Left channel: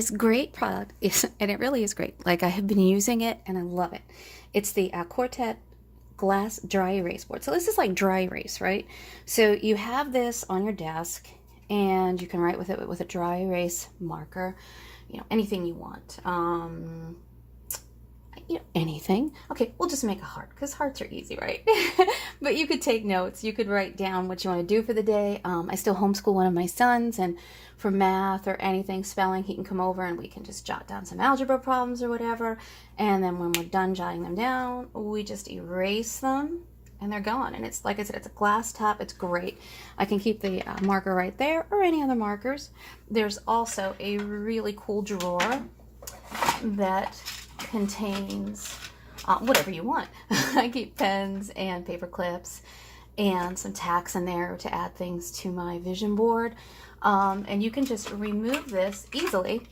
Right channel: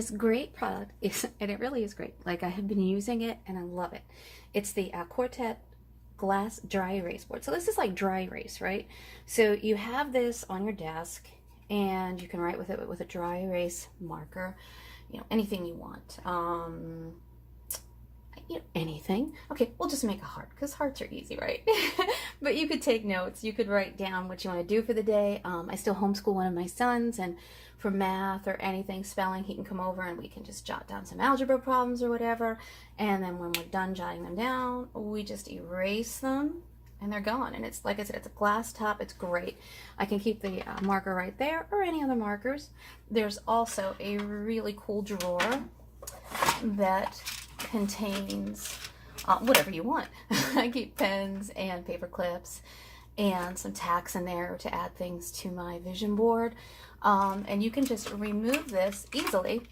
this great product is, and it really is great. Like I have been using it and I love it. It's the Quartet glass dry erase board. So this is like dry erase, right? So you have this on your desk and you can write with it with a dry erase marker, you know, anything you want. You know, anything. Okay, we'll just make a heart because hearts are easy, right? But you could take notes. You could write down what you want to do for the day. I still homeschool one of my sons, and for math or anything, spelling, he can come over and we can just jot down some algebra problems or whatever. And then when we're done jotting them down, we just erase them and they're gone. And it's, like I said, it's a glass top. It's great. I can keep the marker right there or any other markers. There's also a really cool drawer that contains whatever you want. I keep pens and paper clips and some tacks in there to add things to my vision board. And you can just remove this easily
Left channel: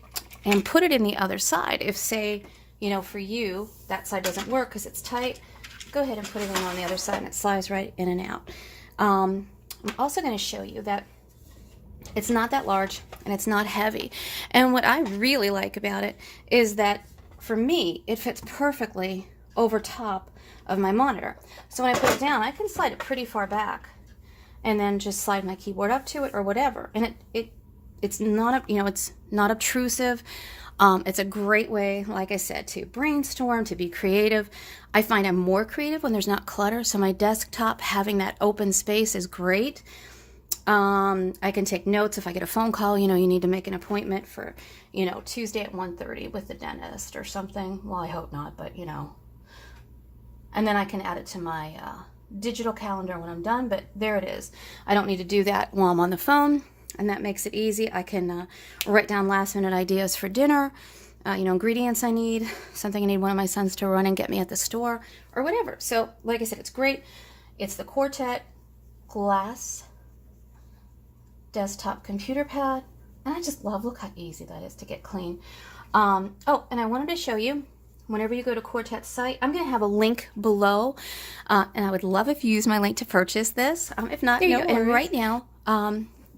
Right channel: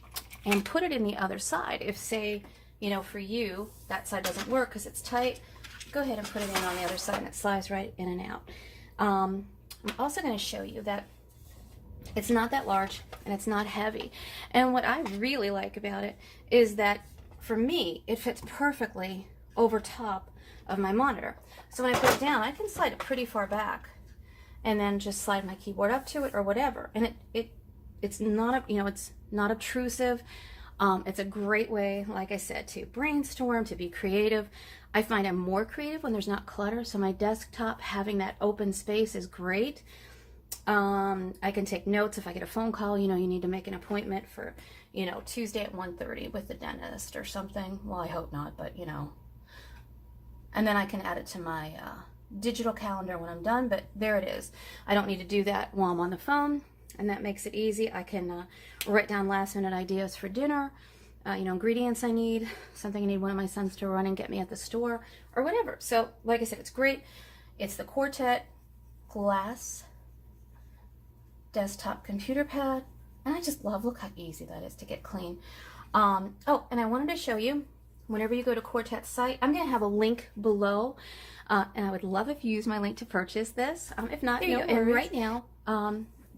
and put it in the other side. If, say, you know, for you, that side doesn't work because it's tight, go ahead and put it in on the other side and it slides right in and out. I'm also going to show you that it's not that large and it's not heavy. And what I really like about it is that for me, it fits perfectly over top of my monitor. So when I put it down, I can slide it pretty far back and then just slide my keyboard up to it or whatever. And it's not, you know, it's not obtrusive. It's a great way, like I said, to brainstorm, to be creative. I find I'm more creative when there's not clutter. So my desktop, having that open space is great. I can take notes if I get a phone call, you know, you need to make an appointment for, you know, Tuesday at 1:30 with the dentist or something. Well, I hope not, but you know. And then I can add it to my digital calendar when I'm done, but there it is. I don't need to do that while I'm on the phone, and that makes it easy. I can write down last minute ideas for dinner, you know, ingredients I need, something I need one of my sons to run and get me at the store or whatever. So like I said, it's great. It's the Quartet glass desktop computer pad, and I just love, look how easy that is to get clean. Oh, and I wanted to show you, whenever you go to Quartet's site, I'm going to have a link below, and I would love if you use my link to purchase this. If not, you know, and right now,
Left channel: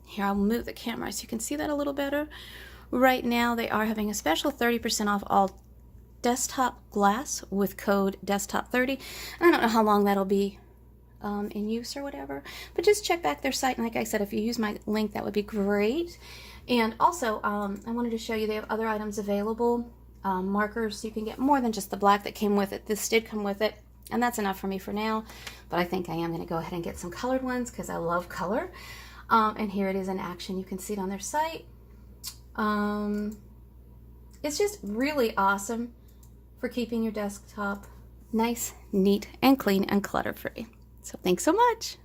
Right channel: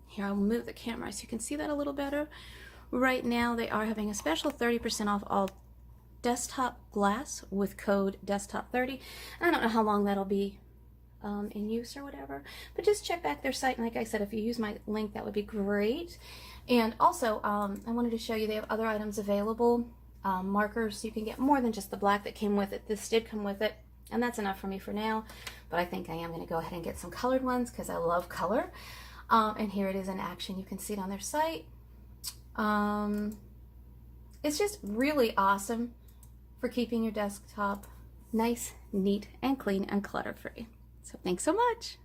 here, I'll move the camera so you can see that a little better. Right now, they are having a special 30% off all desktop glass with code desktop30. I don't know how long that'll be in use or whatever, but just check back their site, and like I said, if you use my link, that would be great. And also I wanted to show you they have other items available, markers, so you can get more than just the black that came with it. This did come with it, and that's enough for me for now, but I think I am going to go ahead and get some colored ones because I love color. And here it is in action. You can see it on their site. It's just really awesome for keeping your desktop nice, neat, and clean and clutter-free. So thanks so much.